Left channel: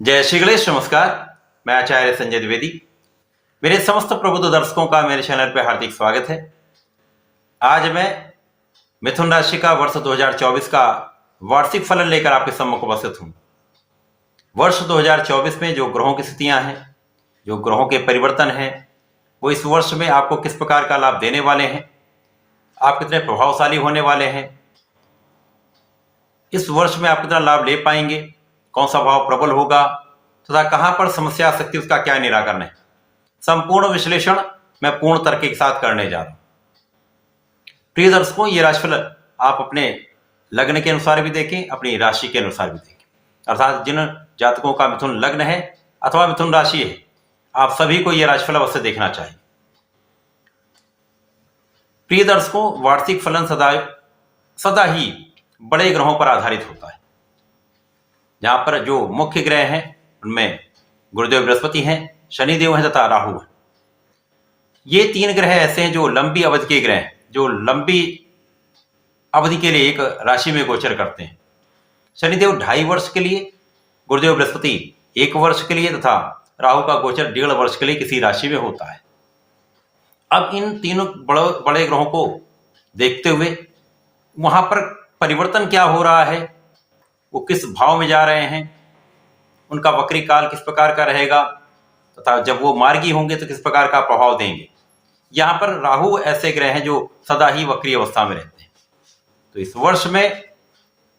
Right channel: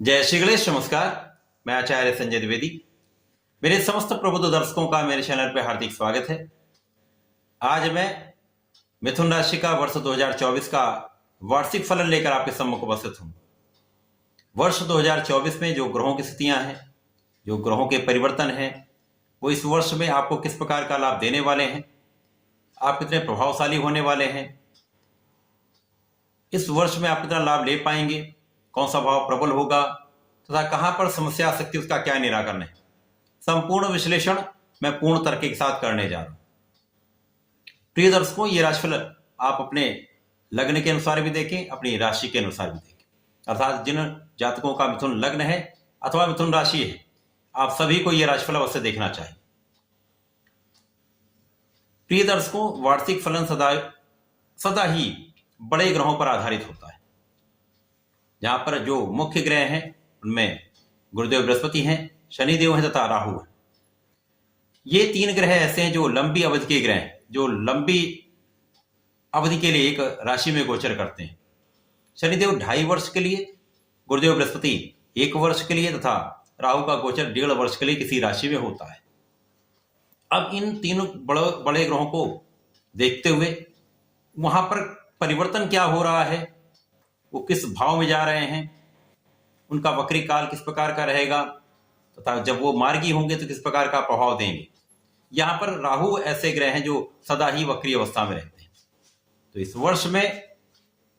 जय श्री गणेश। नमस्कार, मैं आचार्य संजय द्विवेदी। मेरे समस्त प्रबुद्ध दर्शकों का मेरे चैनल पर हार्दिक स्वागत है। आज मैं मिथुन राशि का वर्ष 2024 का वार्षिक फलन लेकर आपके सम्मुख उपस्थित हूं। वर्ष 2024 में जो ग्रहों की स्थितियां हैं, जो ग्रहों के परिवर्तन हैं, वो इस वर्ष में आपको किस प्रकार का लाभ देने वाले हैं, आप कितने प्रभावशाली होने वाले हैं, इस वर्ष में आप कितना लाभ ले पाएंगे, कौन सा भाव प्रबल होगा तथा कहां पर समस्या आ सकती है, उसका क्या निराकरण है, संपूर्ण विश्लेषण मैं पूर्ण तर्क के साथ करने जा रहा हूं। प्रिय दर्शकों, ये राशिफल आप अपने लग्न के अनुसार भी देखें, अपनी राशि के अनुसार भी देखें। अर्थात जिन जातकों का मिथुन लग्न है अथवा मिथुन राशि है, आप सभी को यह राशिफल अवश्य देखना चाहिए। प्रिय दर्शकों, वार्षिक फलन सदा ही बड़े ग्रहों पर आधारित होता है। जहां पर जो मुख्य ग्रह हैं उनमें गुरुदेव बृहस्पति हैं, शनिदेव हैं तथा राहु हैं। ये तीन ग्रह ऐसे हैं जो लंबी अवधि के ग्रह हैं, जो लंबी अवधि के लिए एक राशि में गोचर करते हैं। शनिदेव 2.5 वर्ष के लिए, गुरुदेव बृहस्पति 1 वर्ष के लिए तथा राहु का गोचर 1.5 वर्ष के लिए किसी राशि में होता है। अब इन तीनों बड़े ग्रहों को देखते हुए वहां पर परिवर्तन क्या हो रहा है, वो किस भाव में जा रहे हैं, उनका वक्री काल किस प्रकार का रहेगा तथा जब वो मार्गी होंगे तो किस प्रकार का प्रभाव देंगे। यहां पर राहु ऐसे ग्रह हैं जो सदा ही वक्री अवस्था में रहते हैं। तो इस वर्ष में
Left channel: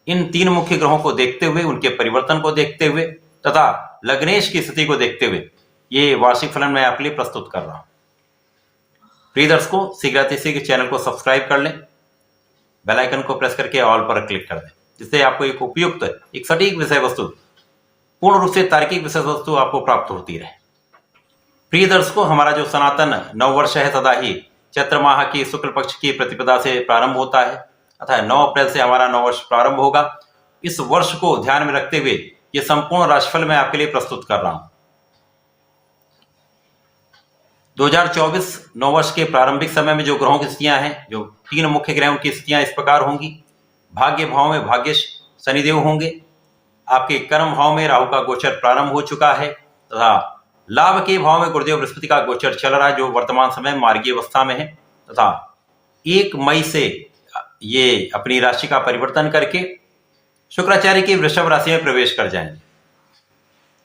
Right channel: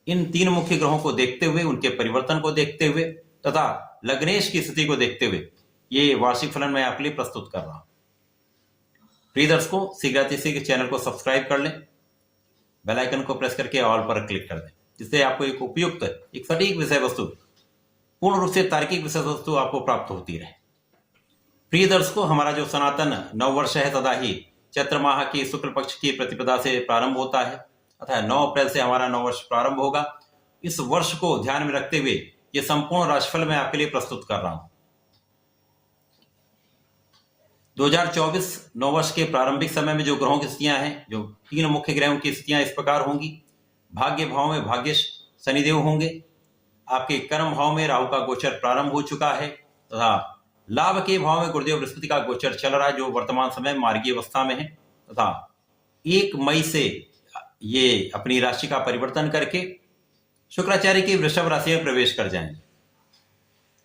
इन तीन मुख्य ग्रहों को देखते हुए, उनके परिवर्तन को देखते हुए तथा लग्नेश की स्थिति को देखते हुए ये वार्षिक फलन मैं आपके लिए प्रस्तुत कर रहा हूं। प्रिय दर्शकों, शीघ्र चैनल को सब्सक्राइब कर लें, बेल आइकन को प्रेस करके ऑल पर क्लिक कर दें, जिससे आपको एक उपयुक्त, एक सटीक विषय वस्तु, पूर्ण रूप से तार्किक विषय वस्तु आपको प्राप्त होती रहे। प्रिय दर्शकों, हमारा जो सनातन नववर्ष है सदा ही चैत्र माह की शुक्ल पक्ष की प्रतिपदा से प्रारंभ होता है, अतः 9 अप्रैल से हमारा नववर्ष प्रारंभ होगा। इस वर्ष को ध्यान में रखते हुए यह संपूर्ण राशिफल मैं आपके लिए प्रस्तुत कर रहा हूं। 2024 नववर्ष के प्रारंभिक समय में जो ग्रहों की स्थितियां हैं, जो तीन मुख्य ग्रहों की स्थितियां इस प्रकार होंगी। भाग्य भाव में भाग्य शनिदेव होंगे, आपके कर्म भाव में राहु का गोचर प्रारंभ हो चुका है तथा लाभ के भाव में गुरुदेव बृहस्पति का गोचर चल रहा है, जो वर्तमान समय मार्गी अवस्था में है तथा 1 मई से ये अपनी राशि का परिवर्तन करके शुक्राचार्य की वृषभ राशि में प्रवेश कर जाएंगे।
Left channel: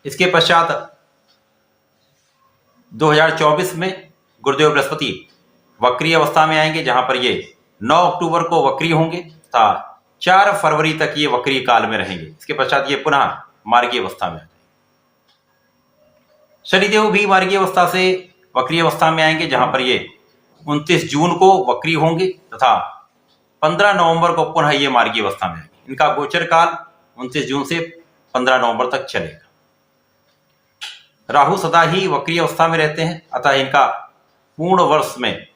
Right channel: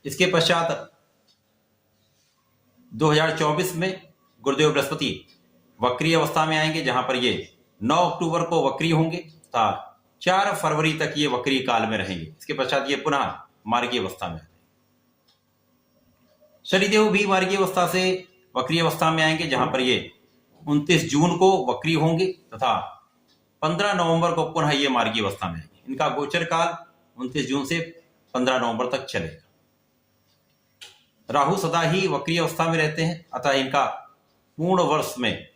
इसके पश्चात 2024 में गुरुदेव बृहस्पति वक्री अवस्था में आएंगे, जहां पर ये 9 अक्टूबर को वक्री होंगे तथा 4 फरवरी तक ये वक्री काल में रहेंगे। इसके पश्चात ये पुनः मार्गी अवस्था में आएंगे। शनिदेव भी मार्गी अवस्था से वक्री अवस्था में आएंगे, जहां पर ये 29 जून को वक्री होंगे तथा 15 नवंबर को पुनः ये मार्गी अवस्था में आएंगे। इनका गोचर काल 29 जून से 15 नवंबर तक चलेगा। राहु सदा ही वक्री अवस्था में रहते हैं, अतः इनका पूर्ण वर्ष में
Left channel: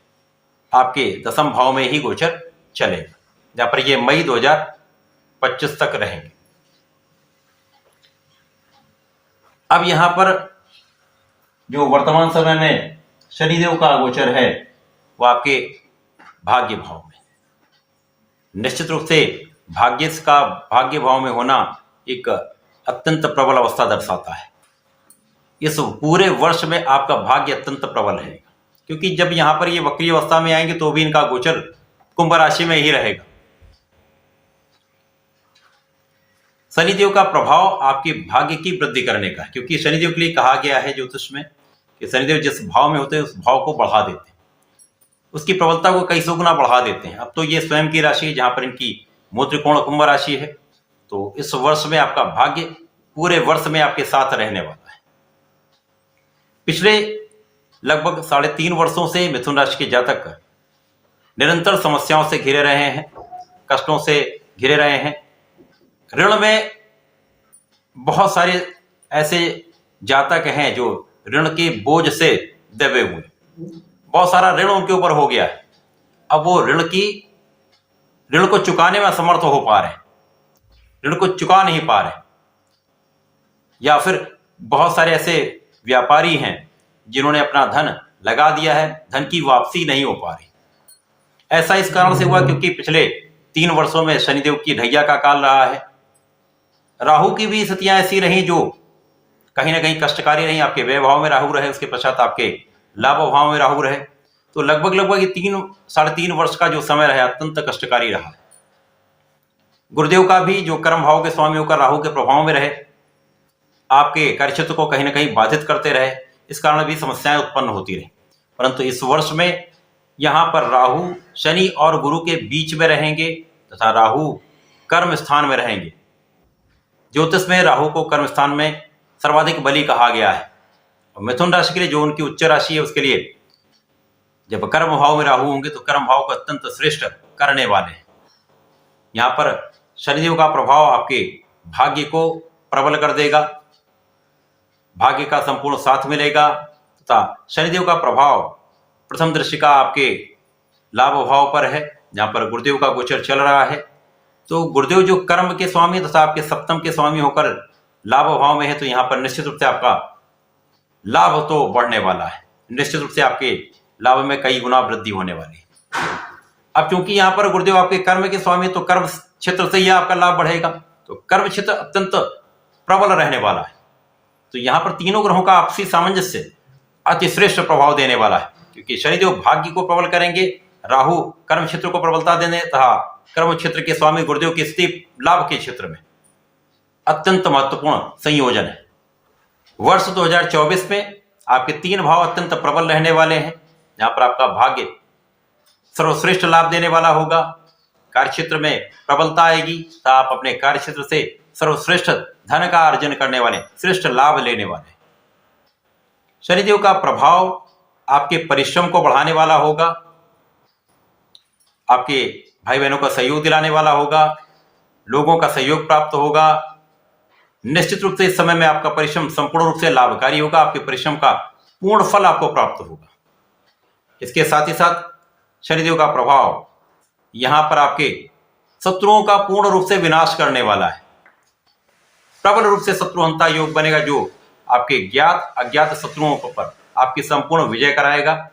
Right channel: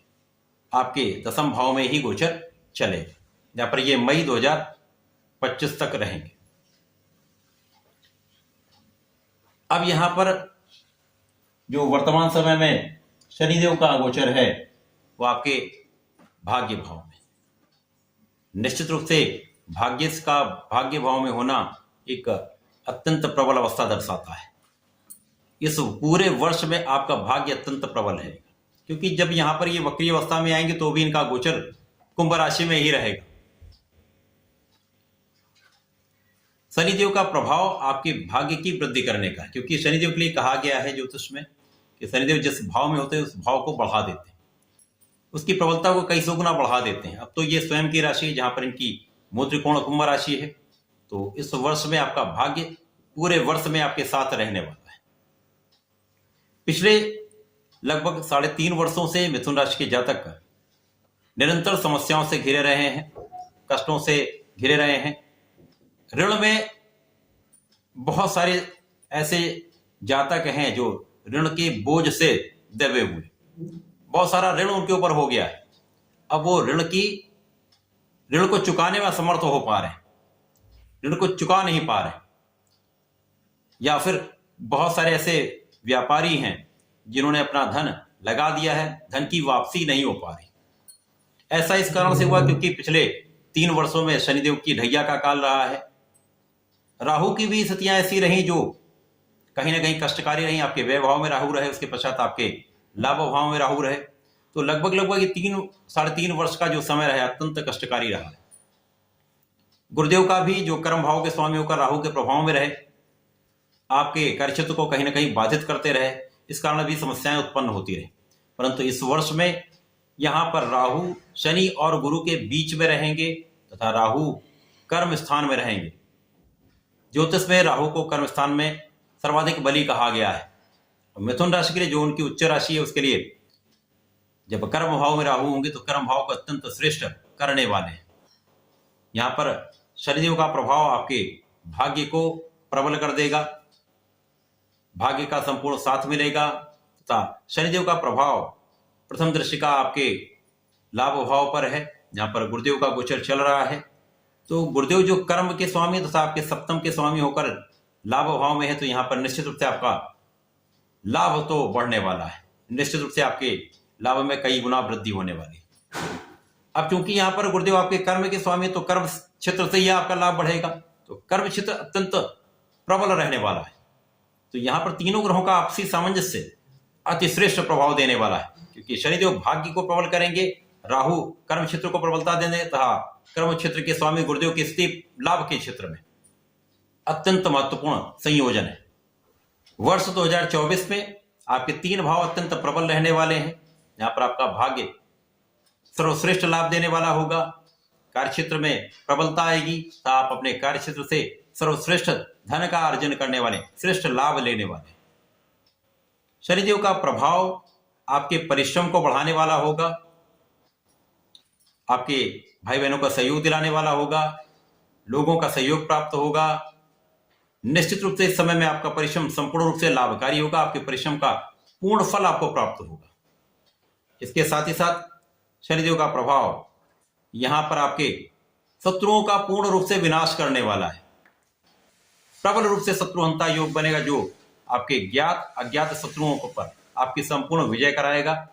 आपके 10वें भाव में ही गोचर चलेगा, जहां पर ये मई 2025 तक रहेंगे। अब यहां पर जो वर्तमान समय में शनिदेव का गोचर है वो आपके भाग्य भाव में, निश्चित रूप से भाग्य भाव में होना एक अत्यंत प्रबल अवस्था दर्शाता है। इस पूरे वर्ष में आपका भाग्य अत्यंत प्रबल रहेगा, क्योंकि जब यहां पर ये वक्री अवस्था में आएंगे तो भी इनका गोचर कुंभ राशि में ही रहेगा। शनिदेव का प्रभाव आपके भाग्य की वृद्धि करने का है, क्योंकि शनिदेव के लिए कहा गया है ज्योतिष में कि शनिदेव जिस भाव में होते हैं उस भाव को बढ़ा देते हैं, उसकी प्रबलता को कई सौ गुना बढ़ा देते हैं। अब तो ये स्वयं की राशि है जहां पर इनकी मूल त्रिकोण कुंभ राशि है, तो इस वर्ष में आपका भाग्य पूरे वर्ष में आपके साथ रहने वाला है। पिछले लगभग 3.5 वर्षों से मिथुन राशि के जातक निरंतर समस्याओं से घिरे रहे हैं, कष्टों से घिरे रहे हैं। ऋण में बहुत सारे ऐसे जातक हैं जो ऋण के बोझ से दबे हुए, बहुत सारा ऋण उनके ऊपर हो गया है। अब वो ऋण को चुकाने में असमर्थ हो पा रहे हैं, ऋण को चुका नहीं पा रहे, या फिर बहुत सारे ऐसे व्यापारी हैं जिन्होंने अपना धन लगा दिया है, धन की वापसी नहीं हो पा रही। ऐसा इस कारण से हुआ क्योंकि पिछले 3 वर्षों में शनिदेव की ढैया का काल रहा है। राहु की भी स्थितियां ऐसी रही जो कहीं ना कहीं कष्टकारी रही, आपके व्यय भाव में राहु रहे, उसके पश्चात आपके लाभ भाव में राहु रहे, तो लगभग ये 3-3.5 वर्ष का जो समय रहा अत्यंत कष्टकारी रहा। गुरुदेव का भी जो कर्म भाव के स्वामी होकर राहु के प्रभाव में रहे, आपके कार्यक्षेत्र को कहीं ना कहीं बाधित करते रहे, इस कारण भी समस्याएं उत्पन्न होती रही। परंतु इस वर्ष में यहां पर राहु शनि और गुरु के बीच में रहेंगे तथा राहु कर्म स्थान में रहेंगे। ज्योतिष में राहु को कर्म स्थान में सर्वाधिक बली कहा गया है। और मिथुन राशि के लिए जो उनकी उच्च राशि है, उसके लिए जब कर्म भाव में राहु होंगे तो कर्म भाव को अत्यंत श्रेष्ठ करने वाले हैं। यहां पर शनिदेव का प्रभाव आपके भाग्य को प्रबल कर देगा, भाग्य का संपूर्ण साथ मिलेगा तथा शनिदेव का प्रभाव प्रथम दृष्टि का आपके लाभ भाव पर है, जहां पर गुरुदेव का गोचर चल रहा है। तो गुरुदेव जो कर्म के स्वामी तथा आपके सप्तम के स्वामी होकर लाभ भाव में है, तो यहां पर निश्चित रूप से आपका लाभ तो बढ़ने वाला है, निश्चित रूप से आपके लाभ में कई गुना वृद्धि होने वाली है। अब क्योंकि यहां पर गुरुदेव आपके कर्म के स्वामी, तो कर्म क्षेत्र से ही आपका लाभ बढ़ेगा, तो कर्म क्षेत्र अत्यंत प्रबल रहने वाला है। तो यहां पर तीनों ग्रहों का आपसी सामंजस्य अतिश्रेष्ठ प्रभाव देने वाला है, क्योंकि शनिदेव भाग्य को प्रबल करेंगे, राहु कर्म क्षेत्र को प्रबलता देने तथा कर्म क्षेत्र के स्वामी गुरुदेव की स्थिति लाभ के क्षेत्र में अत्यंत महत्वपूर्ण संयोजन है। वर्ष 2024 में आपके 3 भाव अत्यंत प्रबल रहने वाले हैं, जहां पर आपका भाग्य सर्वश्रेष्ठ लाभ देने वाला होगा, कार्यक्षेत्र में प्रबलता आएगी, तो आप अपने कार्यक्षेत्र से सर्वश्रेष्ठ धन का अर्जन करने वाले, श्रेष्ठ लाभ लेने वाले। शनिदेव का प्रभाव आपके परिश्रम को बढ़ाने वाला होगा, आपके भाई बहनों का सहयोग दिलाने वाला होगा, लोगों का सहयोग प्राप्त होगा। निश्चित रूप से इस समय में आपका परिश्रम संपूर्ण रूप से लाभकारी होगा, आपके परिश्रम का पूर्ण फल आपको प्राप्त होगा। इसके साथ ही साथ शनिदेव का प्रभाव यहां पर आपके शत्रुओं का पूर्ण रूप से विनाश करने वाला है, प्रबल रूप से शत्रुहंता योग बनेगा, जो आपके ज्ञात अज्ञात शत्रुओं पर आपकी संपूर्ण विजय कराएगा।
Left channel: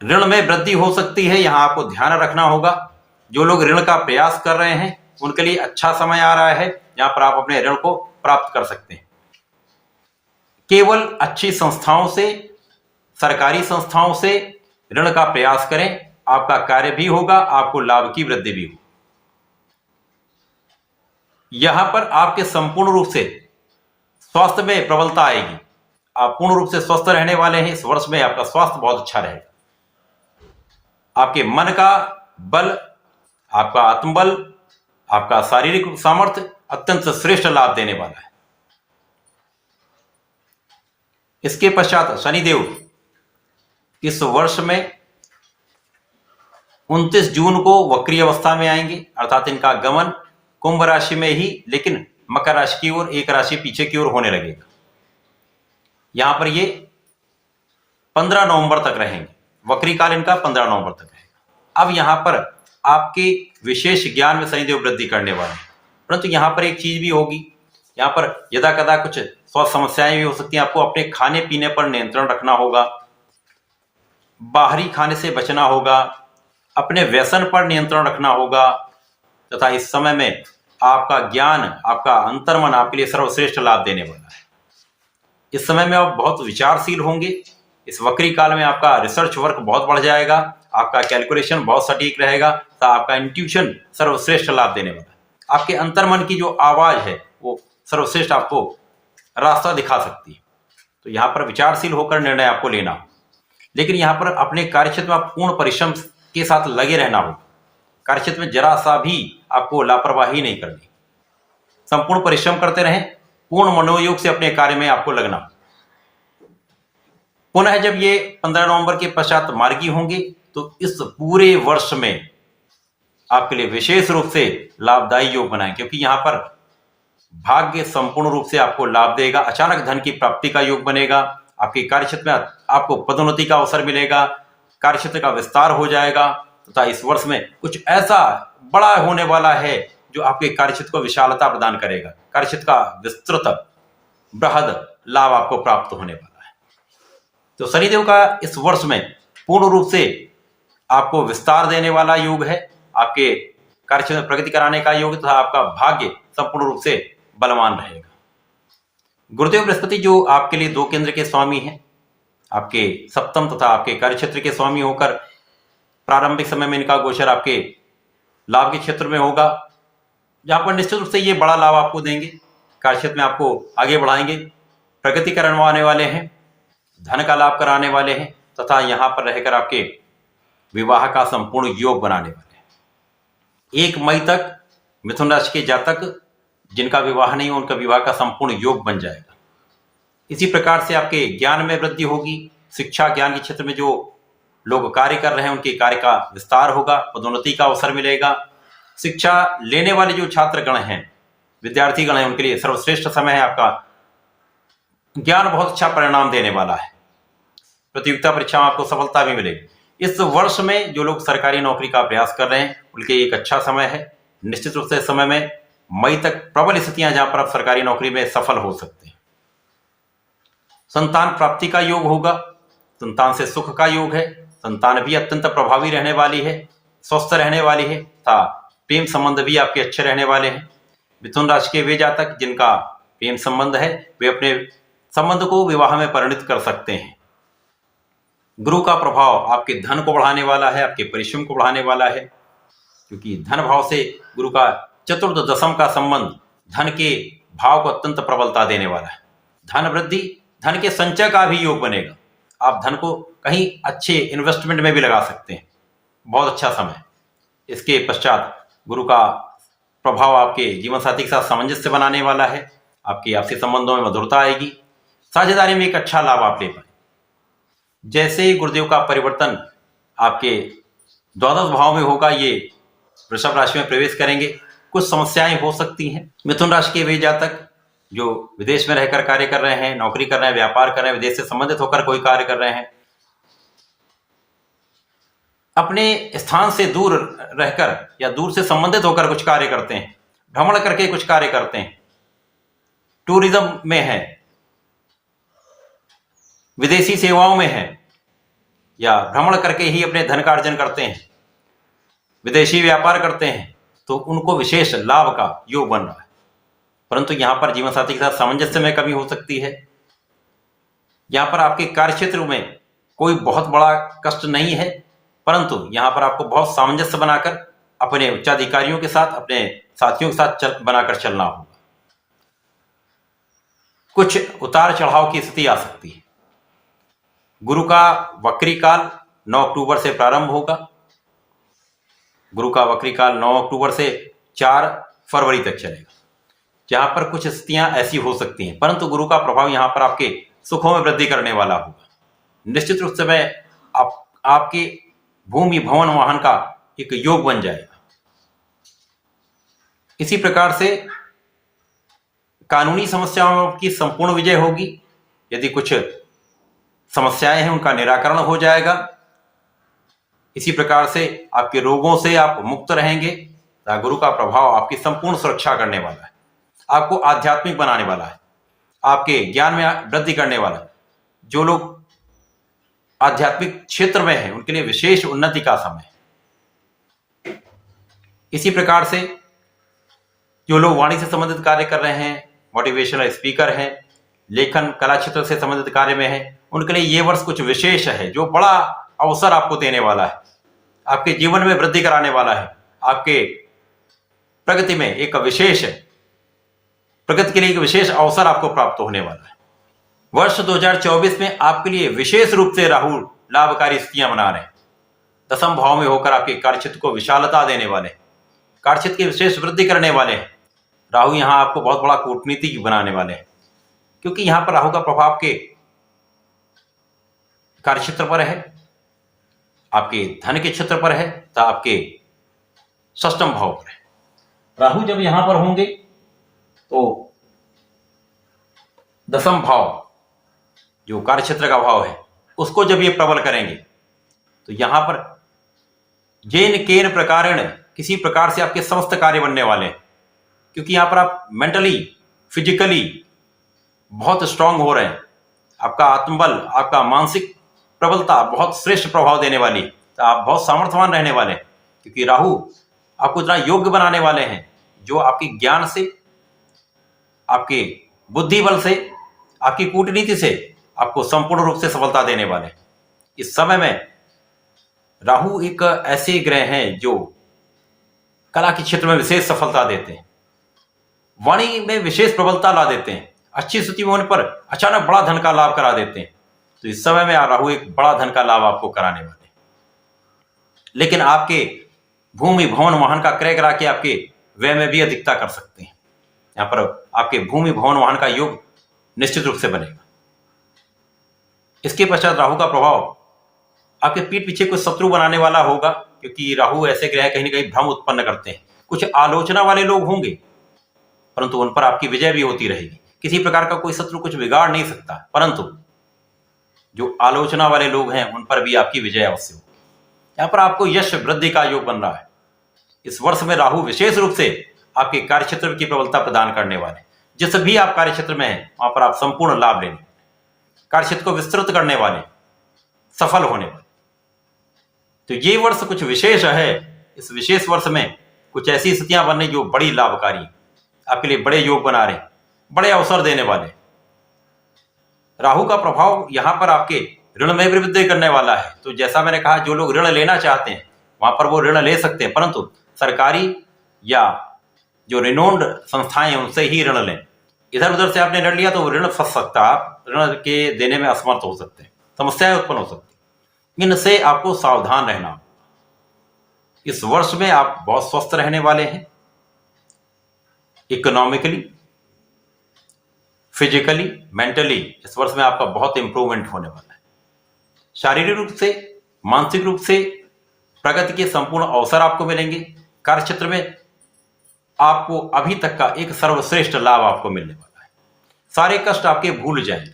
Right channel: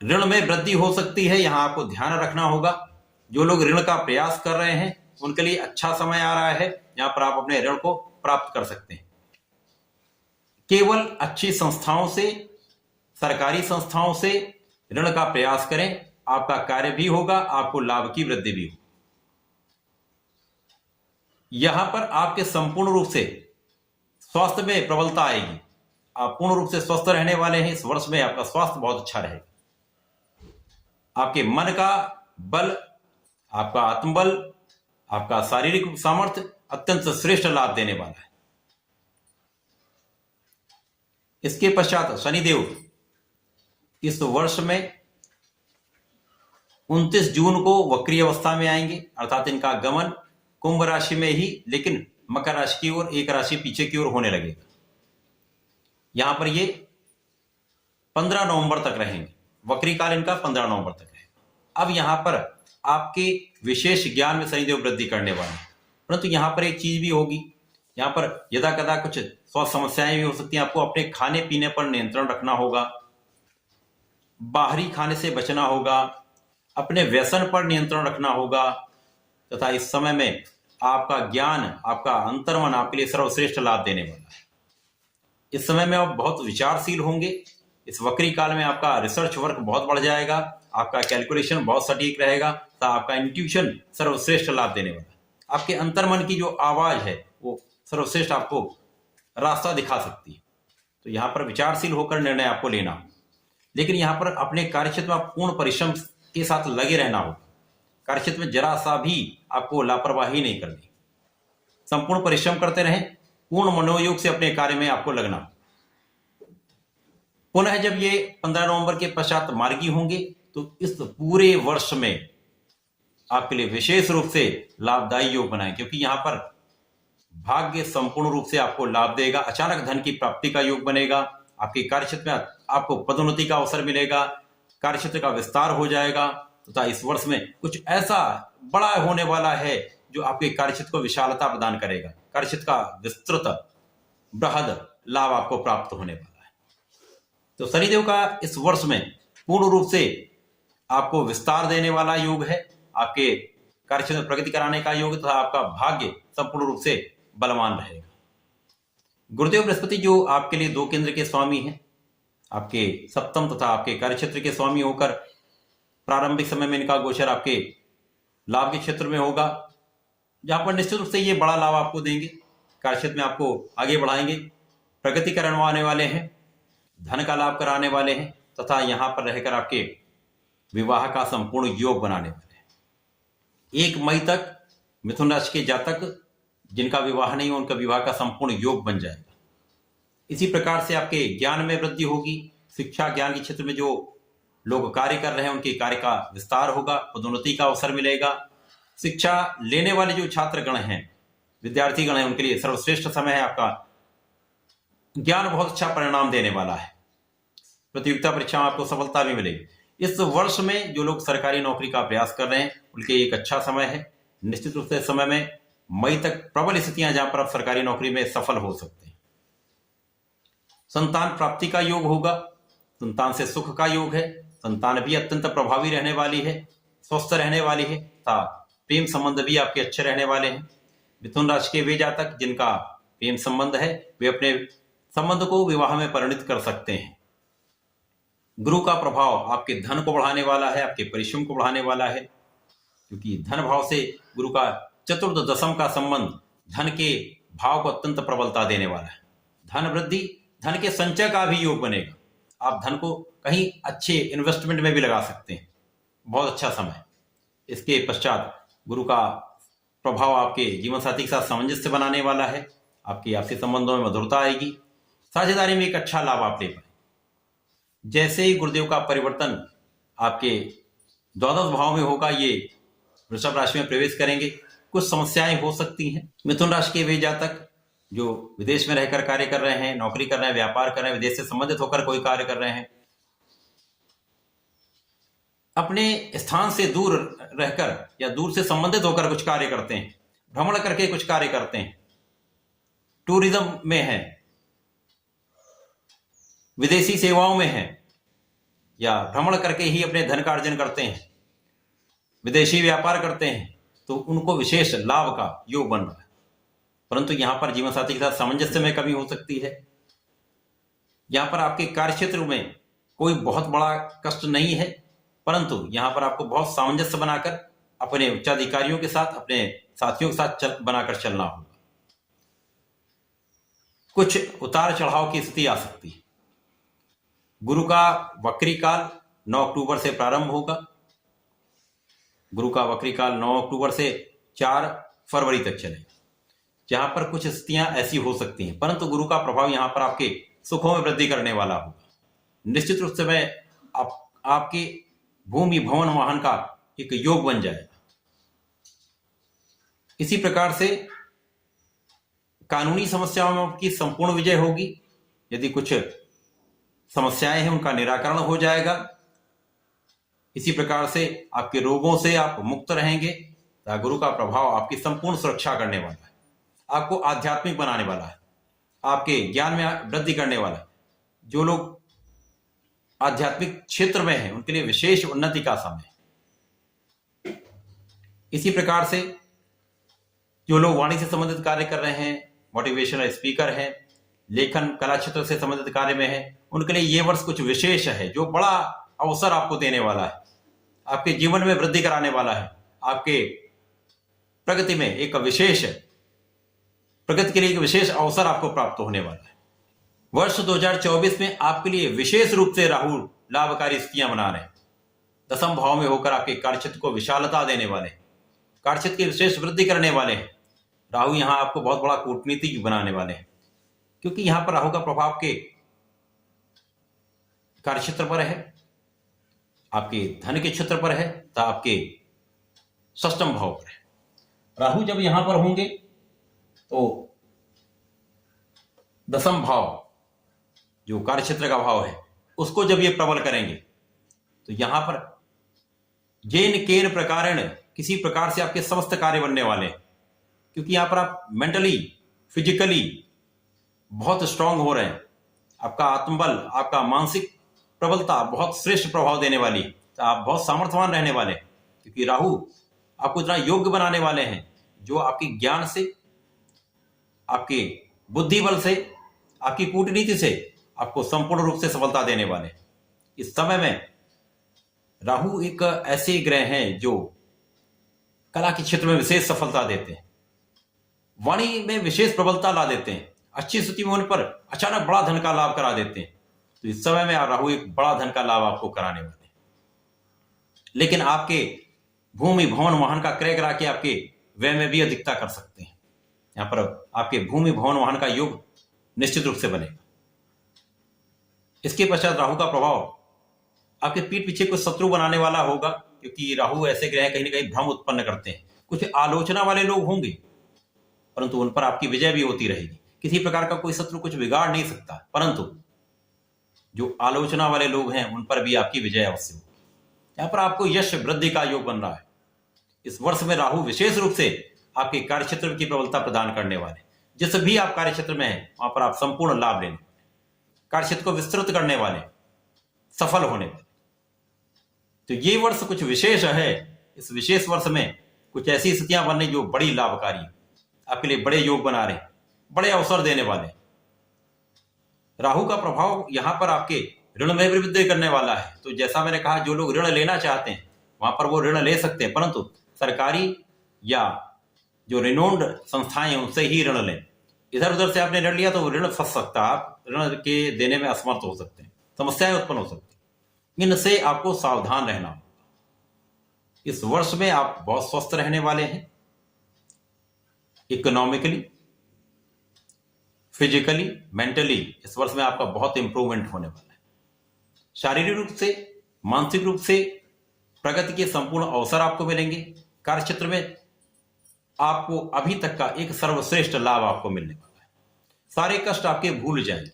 ऋण में वृद्धि हो सकती है, यहां आपको ध्यान रखना होगा। जो लोग ऋण का प्रयास कर रहे हैं उनके लिए अच्छा समय आ रहा है, यहां पर आप अपने ऋण को प्राप्त कर सकते हैं। केवल अच्छी संस्थाओं से, सरकारी संस्थाओं से ऋण का प्रयास करें, आपका कार्य भी होगा, आपको लाभ की वृद्धि भी होगी। यहां पर आपके संपूर्ण रूप से स्वास्थ्य में प्रबलता आएगी, आप पूर्ण रूप से स्वस्थ रहने वाले हैं। इस वर्ष में आपका स्वास्थ्य बहुत अच्छा रहेगा, आपके मन का बल, आपका आत्मबल, आपका शारीरिक सामर्थ्य अत्यंत श्रेष्ठ लाभ देने वाला है। इसके पश्चात शनिदेव इस वर्ष में 29 जून को वक्री अवस्था में आएंगे, अर्थात इनका गमन कुंभ राशि में ही, लेकिन मकर राशि की ओर एक राशि पीछे की ओर होने लगेगा। यहां पर ये 15 नवंबर तक रहेंगे, वक्री काल इनका 15 नवंबर तक रहेगा। अब यहां पर आपके विशेष ज्ञान में शनिदेव वृद्धि करने वाले हैं, परंतु यहां पर एक चीज भी होगी, यहां पर यदा कदा कुछ स्वास्थ्य समस्याएं भी हो सकती हैं। आपको अपने खाने पीने पर नियंत्रण रखना होगा, बाहरी खाने से बचना होगा, अपने व्यसन पर नियंत्रण रखना होगा तथा इस समय में आपका ज्ञान, आपका अंतर्मन आपके लिए सर्वश्रेष्ठ लाभ देने वाला है। इस समय में आप बहुत विचारशील होंगे, इस वक्री काल में आपका रिसर्च वर्क बहुत बढ़ जाएगा, आपका कैलकुलेशन बहुत सटीक रहेगा, तो आपका इंट्यूशन सर्वश्रेष्ठ लाभ देने वाला है। आपके अंतर्मन की जो आवाज है वो सर्वश्रेष्ठ आपको रास्ता दिखा सकती है। तो यहाँ पर विचारशील होकर निर्णय आपको लेना हो, लेकिन यहाँ पर अपने कार्यक्षेत्र में आप पूर्ण परिश्रम के साथ लगे रहना होगा। कार्यक्षेत्र में जरा सा भी आपको लापरवाही नहीं करनी, संपूर्ण परिश्रम करते रहें, पूर्ण मनोयोग से अपने कार्य में आपको लगना। पुनः जब ये 15 नवंबर के पश्चात मार्गी होंगे तो इस पूरे वर्ष में आपके लिए विशेष रूप से लाभदायी योग बनाएं, क्योंकि यहां पर भाग्य संपूर्ण रूप से आपको लाभ देगा। अचानक धन की प्राप्ति का योग बनेगा, आपके कार्यक्षेत्र में आपको पदोन्नति का अवसर मिलेगा, कार्यक्षेत्र का विस्तार हो जाएगा तथा इस वर्ष में कुछ ऐसा बड़ा होने वाला है जो आपके कार्यक्षेत्र को विशालता प्रदान करेगा। कार्यक्षेत्र का विस्तृत बृहद लाभ आपको प्राप्त होने वाला है। तो शनिदेव का इस वर्ष में पूर्ण रूप से आपको विस्तार देने वाला योग है, आपके कार्यक्षेत्र में प्रगति कराने का योग तथा आपका भाग्य संपूर्ण रूप से बलवान रहेगा। गुरुदेव बृहस्पति जो आपके लिए 2 केंद्र के स्वामी हैं, आपके सप्तम तथा आपके कार्य क्षेत्र के स्वामी होकर प्रारंभिक समय में इनका गोचर आपके लाभ के क्षेत्र में होगा, जहां पर निश्चित रूप से ये बड़ा लाभ आपको देंगे, कार्य क्षेत्र में आपको आगे बढ़ाएंगे, प्रगति करवाने वाले हैं, धन का लाभ कराने वाले हैं तथा यहां पर रहकर आपके विवाह का संपूर्ण योग बनाने वाले हैं। 1 मई तक मिथुन राशि के जातक जिनका विवाह नहीं हो उनका विवाह का संपूर्ण योग बन जाएगा। इसी प्रकार से आपके ज्ञान में वृद्धि होगी, शिक्षा ज्ञान के क्षेत्र में जो लोग कार्य कर रहे हैं उनके कार्य का विस्तार होगा, पदोन्नति का अवसर मिलेगा। शिक्षा लेने वाले जो छात्रगण हैं, विद्यार्थी गण हैं, उनके लिए सर्वश्रेष्ठ समय है। आपका ज्ञान बहुत अच्छा परिणाम देने वाला है, प्रतियोगिता परीक्षा में आपको सफलता भी मिलेगी। इस वर्ष में जो लोग सरकारी नौकरी का प्रयास कर रहे हैं उनके एक अच्छा समय है। निश्चित रूप से इस समय में मई तक प्रबल स्थितियां जहां पर आप सरकारी नौकरी में सफल हो सकते हैं। संतान प्राप्ति का योग होगा, संतान से सुख का योग है, संतान भी अत्यंत प्रभावी रहने वाली है, स्वस्थ रहने वाली है तथा प्रेम संबंध भी आपके अच्छे रहने वाले हैं। मिथुन राशि के वे जातक जिनका प्रेम संबंध है वे अपने संबंध को विवाह में परिणित कर सकते हैं। गुरु का प्रभाव आपके धन को बढ़ाने वाला है, आपके परिश्रम को बढ़ाने वाला है, क्योंकि धन भाव से गुरु का चतुर्थ दशम का संबंध धन के भाव को अत्यंत प्रबलता देने वाला है। धन वृद्धि, धन के संचय का भी योग बनेगा। आप धन को कहीं अच्छे इन्वेस्टमेंट में भी लगा सकते हैं, बहुत अच्छा समय। इसके पश्चात गुरु का प्रभाव आपके जीवन साथी के साथ सामंजस्य बनाने वाला है, आपके आपसी संबंधों में मधुरता आएगी, साझेदारी में एक अच्छा लाभ आप ले पाए। जैसे ही गुरुदेव का परिवर्तन आपके द्वादश भाव में होगा, ये वृषभ राशि में प्रवेश करेंगे, कुछ समस्याएं हो सकती हैं। मिथुन राशि के वे जातक जो विदेश में रहकर कार्य कर रहे हैं, नौकरी कर रहे हैं, व्यापार कर रहे हैं, विदेश से संबंधित होकर कोई कार्य कर रहे हैं, अपने स्थान से दूर रहकर या दूर से संबंधित होकर कुछ कार्य करते हैं, भ्रमण करके कुछ कार्य करते हैं, टूरिज्म में है, विदेशी सेवाओं में है, या भ्रमण करके ही अपने धन का अर्जन करते हैं, विदेशी व्यापार करते हैं, तो उनको विशेष लाभ का योग बन रहा है। परंतु यहां पर जीवन साथी के साथ सामंजस्य में कमी हो सकती है। यहां पर आपके कार्य क्षेत्र में कोई बहुत बड़ा कष्ट नहीं है, परंतु यहां पर आपको बहुत सामंजस्य बनाकर अपने उच्चाधिकारियों के साथ, अपने साथियों के साथ बनाकर चलना होगा। कुछ उतार चढ़ाव की स्थिति आ सकती है। गुरु का वक्री काल 9 अक्टूबर से प्रारंभ होगा। गुरु का वक्री काल 9 अक्टूबर से 4 फरवरी तक चलेगा, जहां पर कुछ स्थितियां ऐसी हो सकती हैं, परंतु गुरु का प्रभाव यहां पर आपके सुखों में वृद्धि करने वाला होगा। निश्चित रूप से आपके भूमि भवन वाहन का एक योग बन जाएगा। इसी प्रकार से कानूनी समस्याओं की संपूर्ण विजय होगी। यदि कुछ समस्याएं हैं उनका निराकरण हो जाएगा। इसी प्रकार से आपके रोगों से आप मुक्त रहेंगे। गुरु का प्रभाव आपकी संपूर्ण सुरक्षा करने वाला है, आपको आध्यात्मिक बनाने वाला है, आपके ज्ञान में वृद्धि करने वाला है। जो लोग आध्यात्मिक क्षेत्र में हैं उनके लिए विशेष उन्नति का समय है। इसी प्रकार से जो लोग वाणी से संबंधित कार्य कर रहे हैं, मोटिवेशनल स्पीकर हैं, लेखन कला क्षेत्र से संबंधित कार्य में हैं, उनके लिए यह वर्ष कुछ विशेष है, जो बड़ा अवसर आपको देने वाला है, आपके जीवन में वृद्धि कराने वाला है, आपके प्रगति में एक विशेष प्रगति के लिए एक विशेष अवसर आपको प्राप्त होने वाला है। वर्ष 2024 में आपके लिए विशेष रूप से राहु लाभकारी स्थितियां बना रहे हैं। दशम भाव में होकर आपके कार्यक्षेत्र को विशालता देने वाले, कार्यक्षेत्र की विशेष वृद्धि करने वाले हैं। राहु यहां आपको बहुत बड़ा कूटनीतिक बनाने वाले हैं, क्योंकि यहां पर राहु का प्रभाव के कार्यक्षेत्र पर है, आपके धन के क्षेत्र पर है, तो आपके षष्ठम भाव पर है। राहु जब यहां पर होंगे तो दशम भाव जो कार्यक्षेत्र का भाव है उसको जब ये प्रबल करेंगे तो यहां पर जेन केन प्रकारेण किसी प्रकार से आपके समस्त कार्य बनने वाले हैं, क्योंकि यहां पर आप मेंटली फिजिकली बहुत स्ट्रांग हो रहे हैं। आपका आत्मबल, आपका मानसिक प्रबलता बहुत श्रेष्ठ प्रभाव देने वाली, तो आप बहुत सामर्थ्यवान रहने वाले हैं, क्योंकि राहु आपको इतना योग्य बनाने वाले हैं जो आपके ज्ञान से, आपके बुद्धि बल से आपकी कूटनीति से आपको संपूर्ण रूप से सफलता देने वाले। इस समय में राहु एक ऐसे ग्रह हैं जो कला के क्षेत्र में विशेष सफलता देते हैं, वाणी में विशेष प्रबलता ला देते हैं, अच्छी स्थिति में होने पर अचानक बड़ा धन का लाभ करा देते हैं। तो इस समय में राहु एक बड़ा धन का लाभ आपको कराने वाले। लेकिन आपके भूमि भवन वाहन का क्रय करा के आपके व्यय में भी अधिकता कर सकते हैं। यहां पर आपके भूमि भवन वाहन का योग निश्चित रूप से बनेगा। इसके पश्चात राहु का प्रभाव आपके पीठ पीछे कुछ शत्रु बनाने वाला होगा, क्योंकि राहु ऐसे ग्रह कहीं ना कहीं भ्रम उत्पन्न करते हैं। कुछ आलोचना वाले लोग होंगे, परंतु उन पर आपकी विजय भी होती रहेगी। किसी प्रकार का कोई शत्रु कुछ बिगाड़ नहीं सकता, परंतु जो आलोचना वाले लोग हैं उन पर भी आपकी विजय अवश्य होगी। यहां पर आपको यश वृद्धि का योग बन रहा है। इस वर्ष में राहु विशेष रूप से आपके कार्यक्षेत्र की प्रबलता प्रदान करने वाले। जिस भी आप कार्यक्षेत्र में हैं वहां पर आप संपूर्ण लाभ लेने, कार्यक्षेत्र को विस्तृत करने वाले, सफल होने वाले। तो ये वर्ष कुछ विशेष है। इस विशेष वर्ष में कुछ ऐसी स्थितियां बनने जो बड़ी लाभकारी, आपके लिए बड़े योग बना रहे, बड़े अवसर देने वाले। राहु का प्रभाव यहां पर आपके ऋण में भी वृद्धि करने वाला है। तो जैसा मैंने कहा, जो लोग ऋण लेना चाहते हैं वहां पर वो ऋण ले सकते हैं, परंतु सरकारी या जो रिनोन्ड संस्थाएं हैं उनसे ही ऋण लें। इधर उधर से आपने ऋण लिया तो ऋण फंस सकता है, आप ऋण के देने में असमर्थ हो सकते हैं, समस्याएं उत्पन्न हो सकती हैं। इनसे आपको सावधान रहना होगा। इस वर्ष में आप बहुत स्वस्थ रहने वाले हैं, इकोनॉमिकली, फिजिकली, मेंटली। इस वर्ष में आपका बहुत इंप्रूवमेंट होने वाला है। शारीरिक रूप से, मानसिक रूप से प्रगति के संपूर्ण अवसर आपको मिलेंगे। कार्यक्षेत्र में आपको अभी तक का एक सर्वश्रेष्ठ लाभ आपको मिलने वाला है। सारे कष्ट आपके भूल जाएंगे।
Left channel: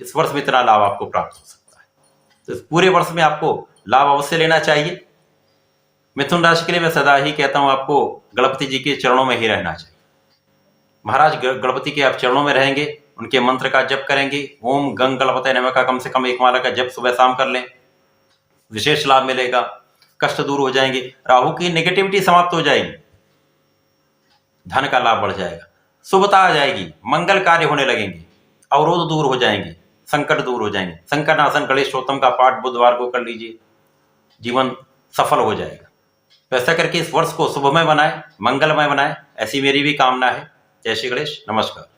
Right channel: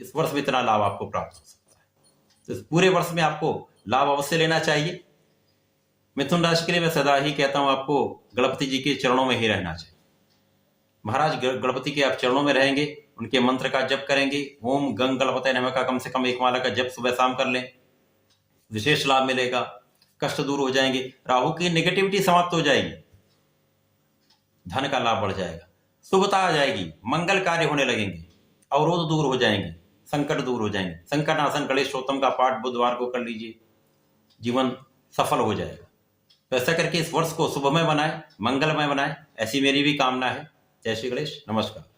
इस वर्ष में इतना लाभ आपको प्राप्त हो सकता है। तो इस पूरे वर्ष में आपको लाभ अवश्य लेना चाहिए। मिथुन राशि के लिए मैं सदा ही कहता हूं, आपको गणपति जी के चरणों में ही रहना चाहिए। महाराज गणपति के आप चरणों में रहेंगे, उनके मंत्र का जप करेंगे, ओम गंग गणपतये नमः का कम से कम एक माला का जप सुबह शाम कर लें, विशेष लाभ मिलेगा। कष्ट दूर हो जाएंगे, राहु की नेगेटिविटी समाप्त हो जाएगी, धन का लाभ बढ़ जाएगा, शुभता आ जाएगी, मंगल कार्य होने लगेंगे, अवरोध दूर हो जाएंगे, संकट दूर हो जाएंगे। संकटनाशन गणेशोत्तम का पाठ बुधवार को कर लीजिए, जीवन सफल हो जाएगा। तो ऐसा करके इस वर्ष को शुभमय बनाए, मंगलमय बनाए, ऐसी मेरी भी कामना है। जय श्री गणेश, नमस्कार।